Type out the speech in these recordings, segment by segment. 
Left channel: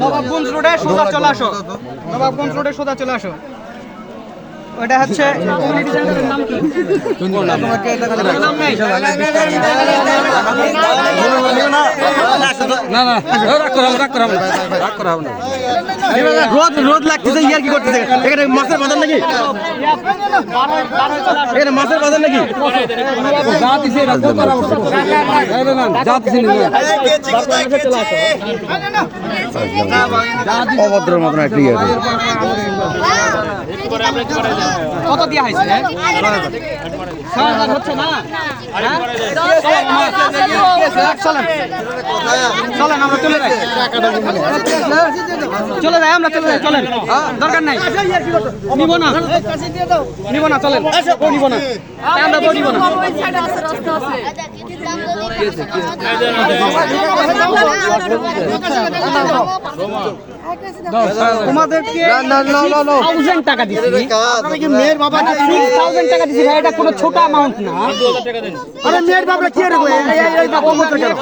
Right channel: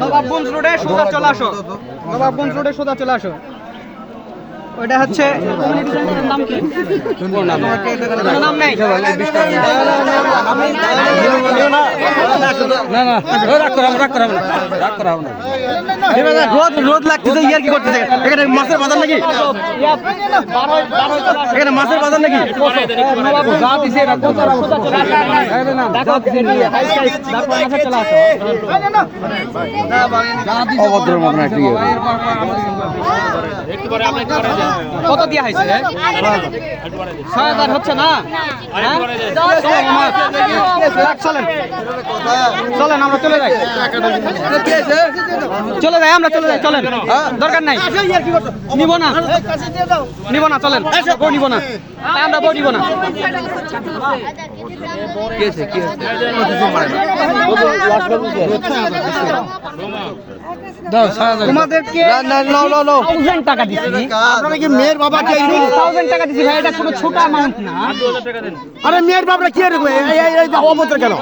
নবাবগঞ্জ রোডে সোজা চলে আসো। নবাবগঞ্জ রোডে সোজা চলে আসো। ওটা হচ্ছে কমিউনিটি সেন্টারের নাম কি? নাম? নেই। না না রাগ করা রাগ করা না রাগ করা না রোদ রোদ লাগতেছে ইয়ার কি করতেছে? এখানে মাছের বাজার নাকি? এখানে মাছের বাজার নাকি? যা দিছে এটা কত আর খাইবে না যা দিছে আসো অভদ্র মতন একটা ইয়ে। কত দিয়া হয়েছে? ছয় হাজার। হচ্ছে না? হ্যাঁ? চলো চলেন। আমরা চলে যাই। চলে যাই আমরা চলে যাই চলেন। দরকার নাই। নিব না। নিব না চলেন। নিব না। আমরা বউ নিব না। তোমাদেরকে থাউজেন্ড টাকা দিচ্ছি মেয়ের বাবা সিক্স থাউজেন্ড টাকা দিচ্ছি ভাই এটা কোনো ছোট অ্যামাউন্ট না আরে মেয়ের বাবা কি রে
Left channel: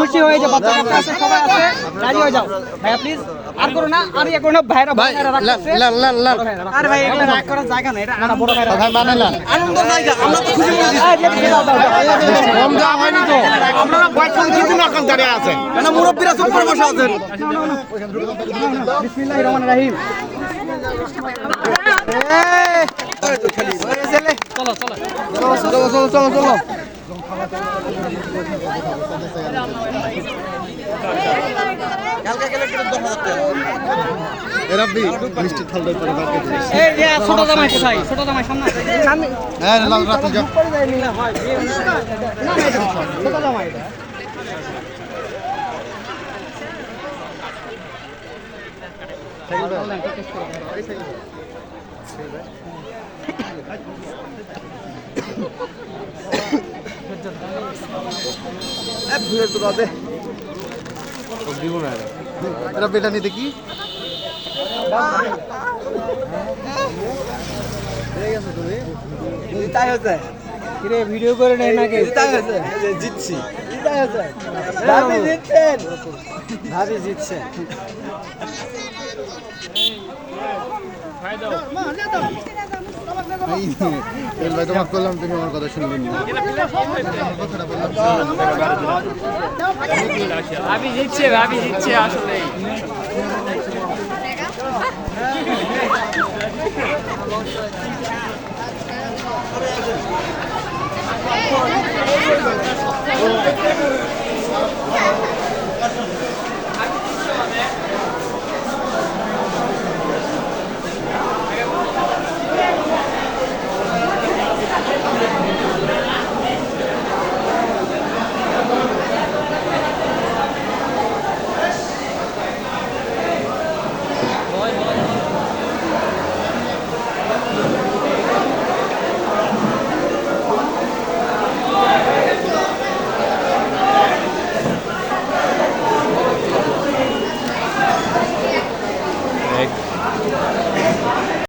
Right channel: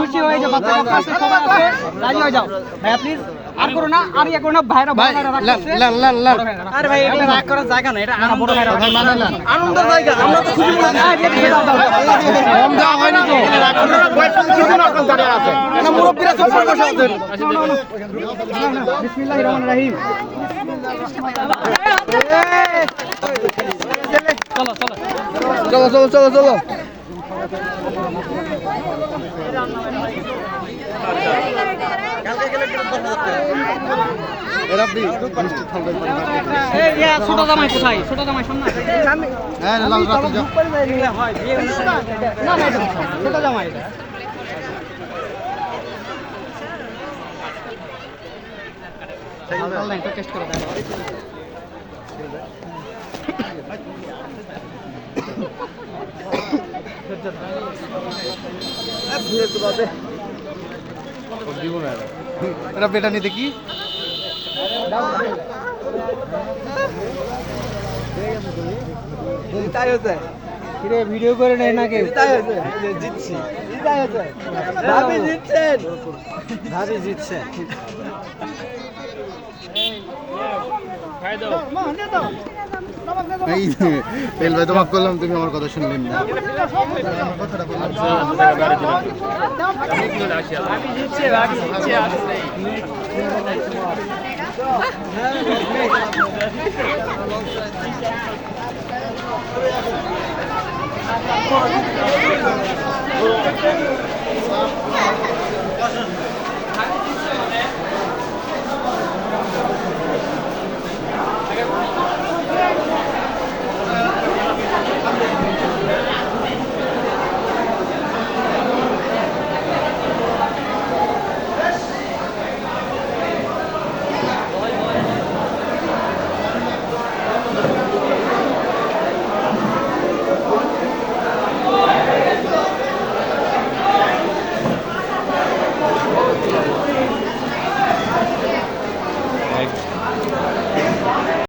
খুশি হয়ে যাও বাচ্চা কাচ্চা সবাই আছে রাজি হয়ে যাও ভাইয়া প্লিজ আর করো না আর ইয়ে করো না ভাইরা ভাই বড় ভাইরা রাখছে আরে ভাই এটা রাগ করার জায়গা না এটা আমরা বড় ভাইরা ভাই মানে না আনন্দের জায়গা আমরা তো খুশি দাও কম দেওয়া হয়নি তো আপনারা বয়স কিছু না কান দাঁড়িয়ে আছে না মুরব্বীরা সব প্রকাশ পরে বসে আছেন বিসমিল্লাহির রহমানির রহিম চলো চলো চলো চলো চলো চলো এরাবি মিষ্টি থালটা করে বাকি এই যে ছোট জামাই কোথায় ছোট জামাই সামনে না না ছোট জামাই এটা এরা বেটা নিতে কি? কিরে ভিডিও করে নেয় নাকি? জিতছি ভাবি জিতছেন। ভাবি জিতছে এই ভাই তোমাকে করলাম তুমি আমার কথা শুনবে না জিতছে ভাবি জিতছে